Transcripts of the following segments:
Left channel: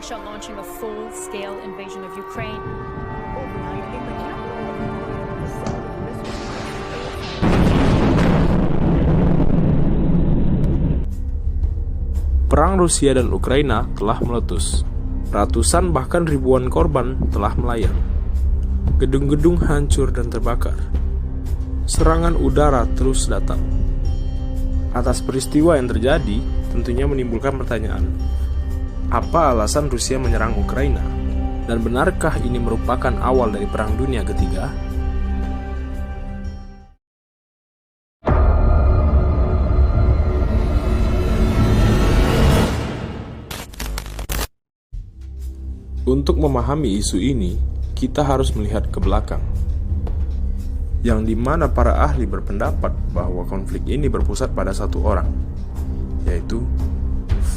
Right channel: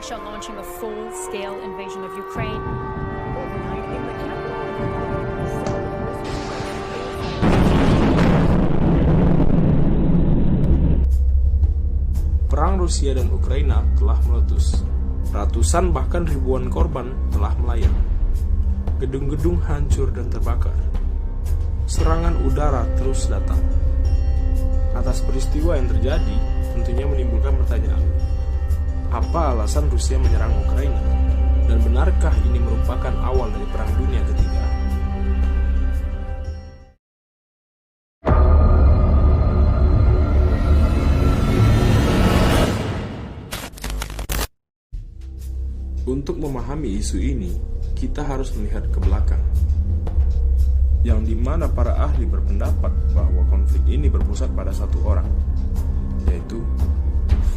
Russia launching a full-scale invasion of Ukraine. Overnight in the capital of Ukraine, the sound of missiles. Perang Rusia dan Ukraina telah meletus. Ratusan bahkan ribuan korban telah melayang. Gedung-gedung hancur dan terbakar. Serangan udara terus datang. Atas peristiwa yang terjadi, tentunya menimbulkan pertanyaan. Apa alasan Rusia menyerang Ukraina? Dan benarkah ini merupakan awal dari Perang Dunia Ketiga? Untuk memahami isu ini, kita harus melihat ke belakang, yang dimana para ahli berpendapat bahwa konflik ini berpusat pada satu orang, yaitu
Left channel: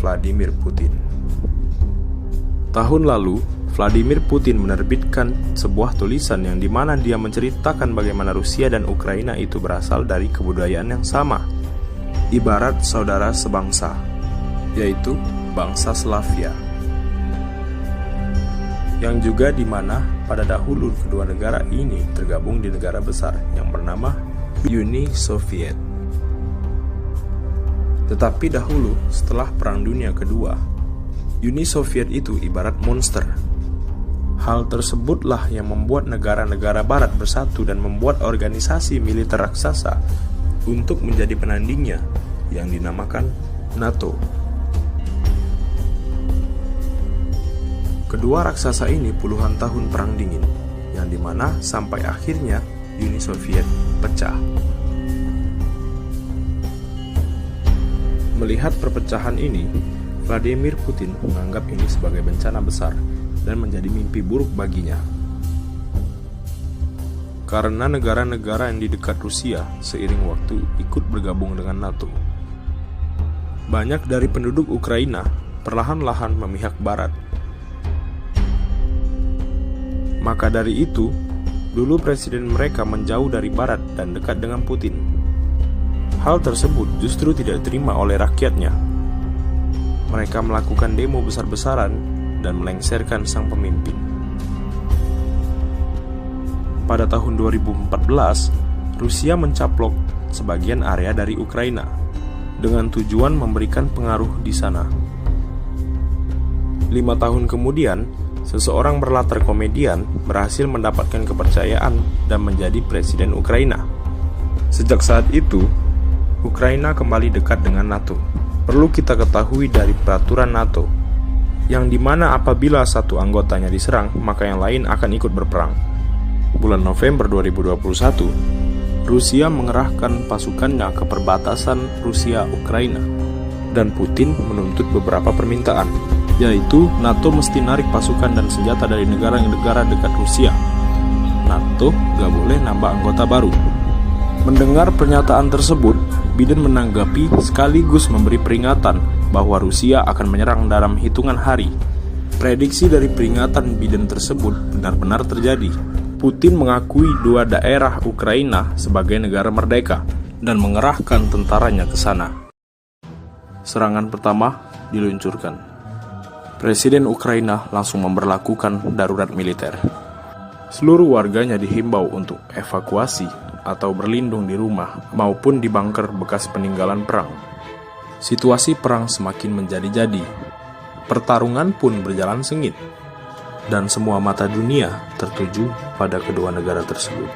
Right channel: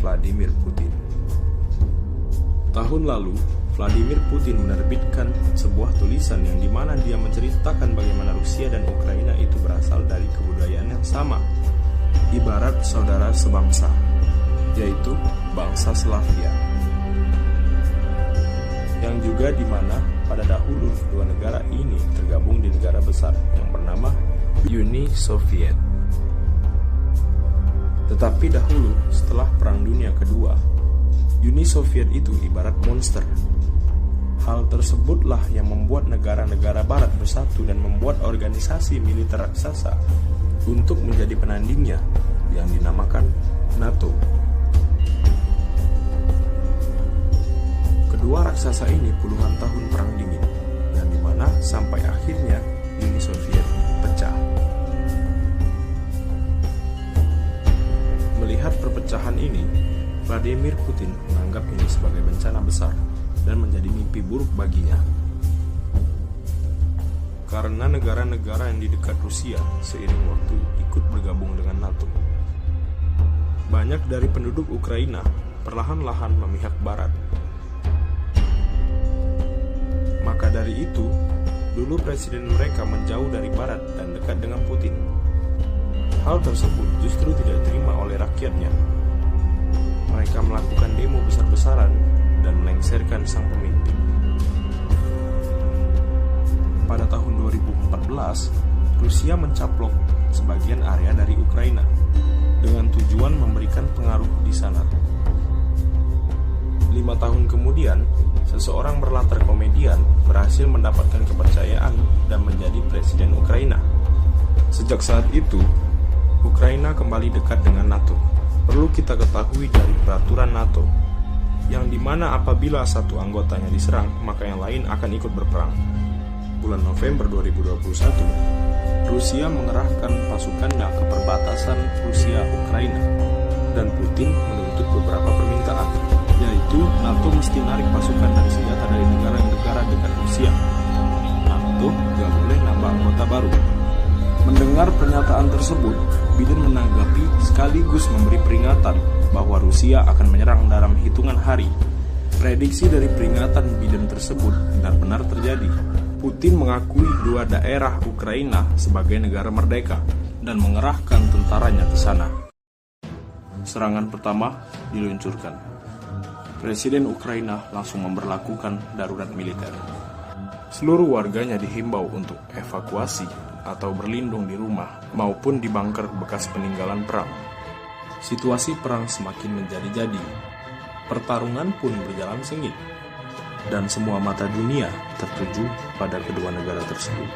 Vladimir Putin. Tahun lalu, Vladimir Putin menerbitkan sebuah tulisan yang dimana dia menceritakan bagaimana Rusia dan Ukraina itu berasal dari kebudayaan yang sama, ibarat saudara sebangsa, yaitu bangsa Slavia. Yang juga dimana pada dahulu kedua negara ini tergabung di negara besar yang bernama Uni Soviet. Tetapi dahulu setelah Perang Dunia Kedua, Uni Soviet itu ibarat monster. Hal tersebutlah yang membuat negara-negara barat bersatu dan membuat organisasi militer raksasa untuk menjadi penandingnya yang dinamakan NATO. Kedua raksasa ini puluhan tahun perang dingin, yang dimana sampai akhirnya Uni Soviet pecah. Melihat perpecahan ini, Vladimir Putin menganggap ini sebagai bencana besar dan menjadi mimpi buruk baginya. Karena negara-negara yang di dekat Rusia seiring waktu ikut bergabung dengan NATO. Banyak dari penduduk Ukraina perlahan-lahan memihak Barat. Maka dari itu, dulu presiden mereka menjauh dari Barat dan dekat dengan Putin. Hal tersebut justru tidak diterima oleh rakyatnya. Mereka melakukan demo besar-besaran dan melengsarkan sang pemimpin. Pada tahun 2014, Rusia mencaplok sebagian area dari Ukraina dengan tujuan memberikan pengaruh di sana. 5 tahun kemudian, seseorang berlatar komedian berhasil mendapatkan kepercayaan dan menjadi presiden Ukraina. Sejak saat itu, Ukraina kembali dekat dengan NATO. Perlu kita ketahui dari peraturan NATO, yang dimana apabila satu anggotanya diserang, maka yang lain akan ikut berperang. Bulan November 2021, Rusia mengerahkan pasukannya ke perbatasan Rusia-Ukraina, dan Putin menuntut beberapa permintaan, yaitu NATO mesti narik pasukan dan senjata dari negara dekat Rusia. NATO gak boleh nambah anggota baru. Mendengar pernyataan tersebut, Biden menanggapi sekaligus memberi peringatan bahwa Rusia akan menyerang dalam hitungan hari. Prediksi dari peringatan Biden tersebut benar-benar terjadi. Putin mengakui dua daerah Ukraina sebagai negara merdeka dan mengerahkan tentaranya ke sana. Serangan pertama diluncurkan. Presiden Ukraina langsung memberlakukan darurat militer. Seluruh warganya dihimbau untuk evakuasi atau berlindung di rumah maupun di bunker bekas peninggalan perang. Situasi perang semakin menjadi-jadi. Pertarungan pun berjalan sengit, dan semua mata dunia tertuju pada kedua negara tersebut.